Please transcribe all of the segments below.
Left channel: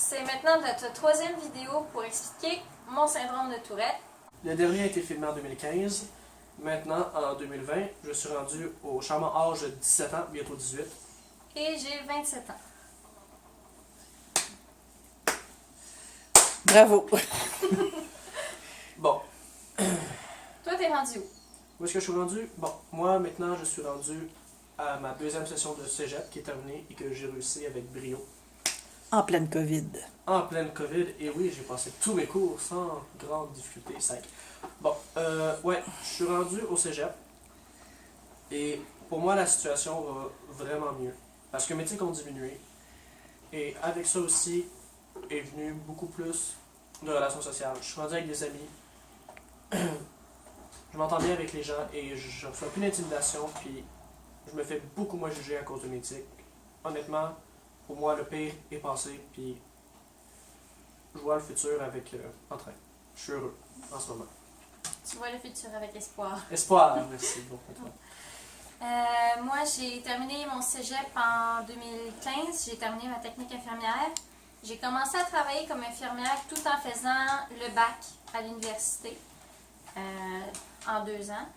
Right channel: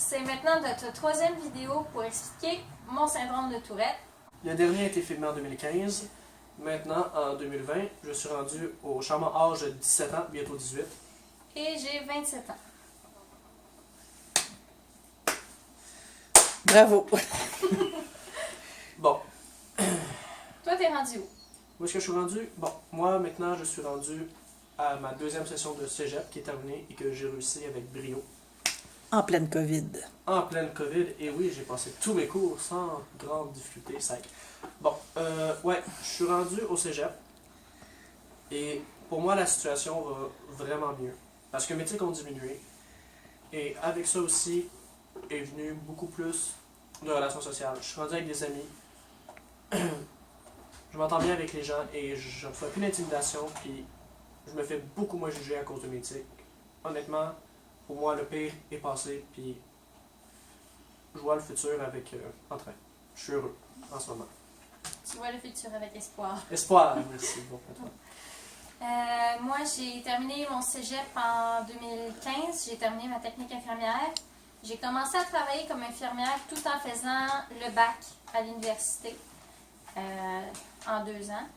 c'est maintenant notre troisième vidéo pour expliquer mon syndrome de Tourette. Le dernier a été filmé en 2015. Maintenant, en 2020, je suis rendu au charmant âge de 17 ans, bientôt 18. Et j'ai 27 ans. Bravo! Bon, Toi, t'es rendu où? où est-ce que je suis rendu? Bon, moi, maintenant, je suis rendu à ma deuxième session de cégep qui est terminée et que j'ai réussi avec brio. En pleine COVID. En pleine COVID, et oui, j'ai passé tous mes cours sans grande difficulté, sec. Bon, ouais, je suis rendu au cégep, et pour moi, la situation va vraiment mieux, parce que mes tics ont diminué, et avec ça aussi est venu beaucoup plus de relations sociales. Je suis rendu avec des amis, je m'entends bien avec les gens, et je reçois plus d'intimidation, puis je me fais beaucoup moins juger à cause de mes tics. Honnêtement, pour moi, le pire est passé, puis je vois le futur avec entrain. Je suis heureux en ce moment. Tu vois le futur avec espoir. Espoir, merci. Bon, Moi, j'ai terminé mon cégep en 2015. J'ai terminé ma technique infirmière. J'ai commencé à travailler comme infirmière tout en faisant le bac à l'université en 2 ans.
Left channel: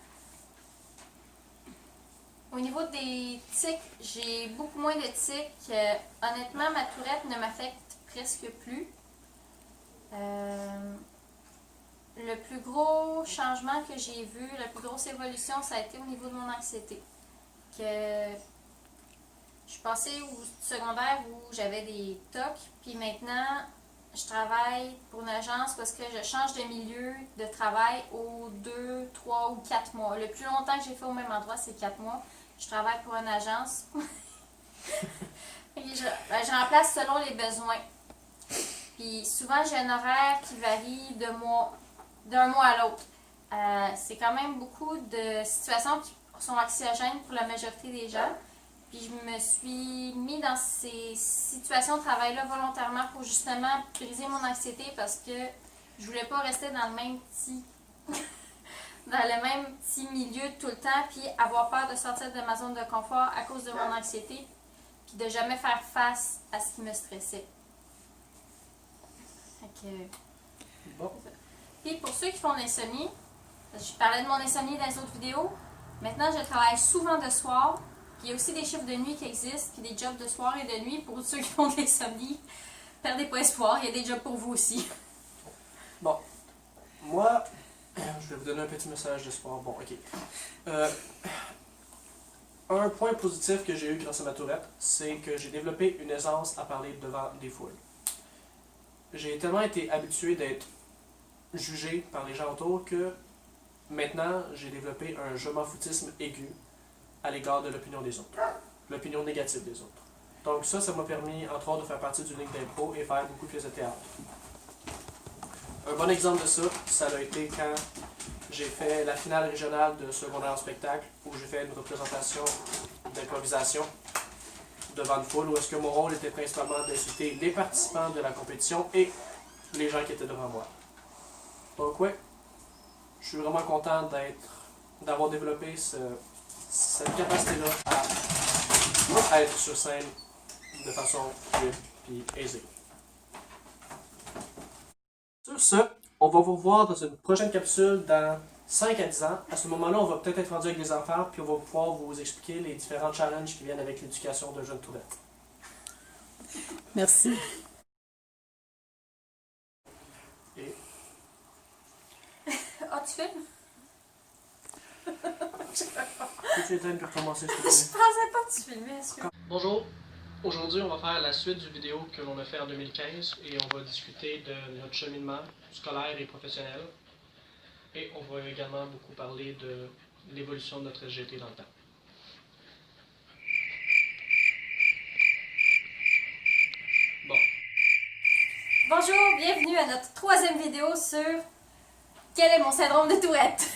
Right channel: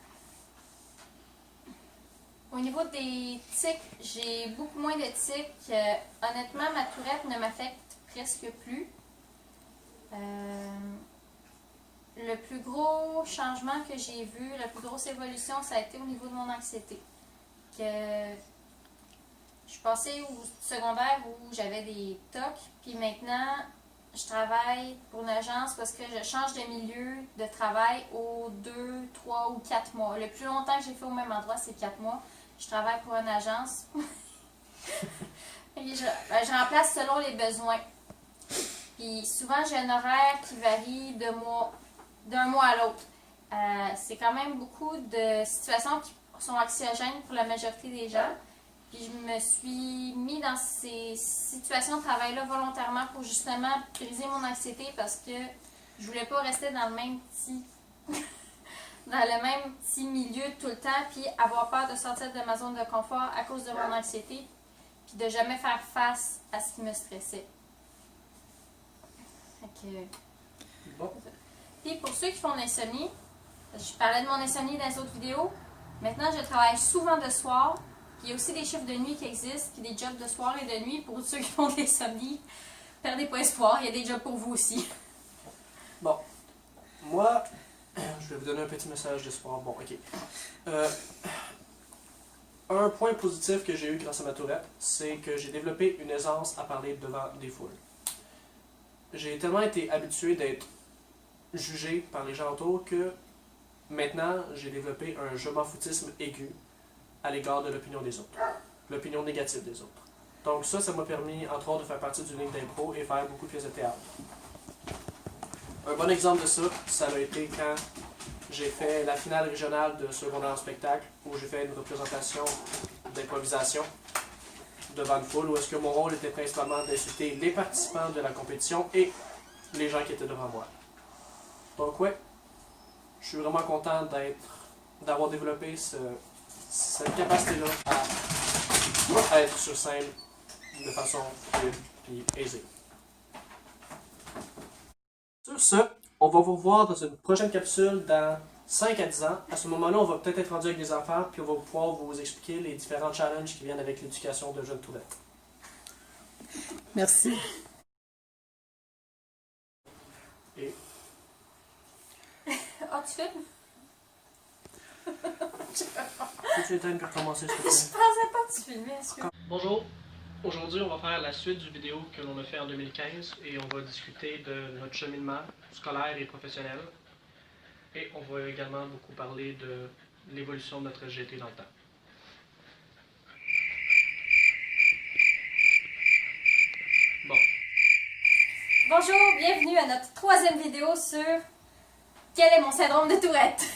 Au niveau des tics, j'ai beaucoup moins de tics. Honnêtement, ma tourette ne m'affecte presque plus. Le plus gros changement que j'ai vu, la plus grosse évolution, ça a été au niveau de mon anxiété. Que je suis passée au secondaire où j'avais des tocs, puis maintenant, je travaille pour une agence parce que je change de milieu de travail aux 2, 3 ou 4 mois. Le plus longtemps que j'ai fait au même endroit, c'est 4 mois. Je travaille pour une agence. Je remplace selon les besoins. Puis souvent, j'ai un horaire qui varie d'un mois à l'autre. C'est quand même beaucoup de situations qui sont anxiogènes pour la majorité des gens. Puis je me suis mis dans ces situations de travail-là volontairement pour justement briser mon anxiété parce que je voulais pas rester dans le même petit milieu tout le temps puis avoir peur de sortir de ma zone de confort à cause de mon anxiété puis de jamais faire face à ce qui me stressait. bon. Puis pour ceux qui font de l'insomnie, je parlais de mon insomnie dans les autres vidéos. Maintenant, je travaille souvent de soir. Puis il y a aussi des chiffres de nuit qui existent, puis des jobs de soir et de nuit pour ceux qui font de l'insomnie. Perdez pas espoir, il y a des jobs pour vous aussi. Bon, moi, je vais vous donner un petit message d'espoir. Bon, ok. Un point positif que j'ai eu grâce à ma tourette, c'est que j'ai développé une aisance à parler devant des foules. J'ai tellement été habitué d'être jugé par les gens autour que maintenant, j'ai développé un je m'en foutisme aigu à l'égard de l'opinion des autres, l'opinion négative des autres. Donc ça m'a permis, entre autres, de faire partie d'une ligne d'impro et faire beaucoup de pièces de théâtre. Un bon exemple de ça a été quand j'ai fait la finale régionale de secondaire en spectacle, où j'ai fait une représentation d'improvisation devant une foule, où est-ce que mon rôle était principalement d'insulter les participants de la compétition et les gens qui étaient devant moi. Donc ouais, je suis vraiment content d'avoir développé cette capacité-là à être sur scène de façon fluide et aisée. Sur ce, on va vous revoir dans une prochaine capsule dans 5 à 10 ans. À ce moment-là, on va peut-être être rendu avec des enfants, puis on va pouvoir vous expliquer les différents challenges qui viennent avec l'éducation de jeunes tourettes. Merci. Et Ah, tu filmes? peux-tu éteindre pour commencer, s'il te Je plaît? pensais pas que tu filmais, excuse. Bonjour, aujourd'hui on va faire la suite du vidéo que l'on a fait en 2015 et on va discuter de notre cheminement scolaire et professionnel. Et on va également beaucoup parler de l'évolution de notre SGT dans le temps. Bon, Bonjour, bienvenue à notre troisième vidéo sur quel est mon syndrome de Tourette.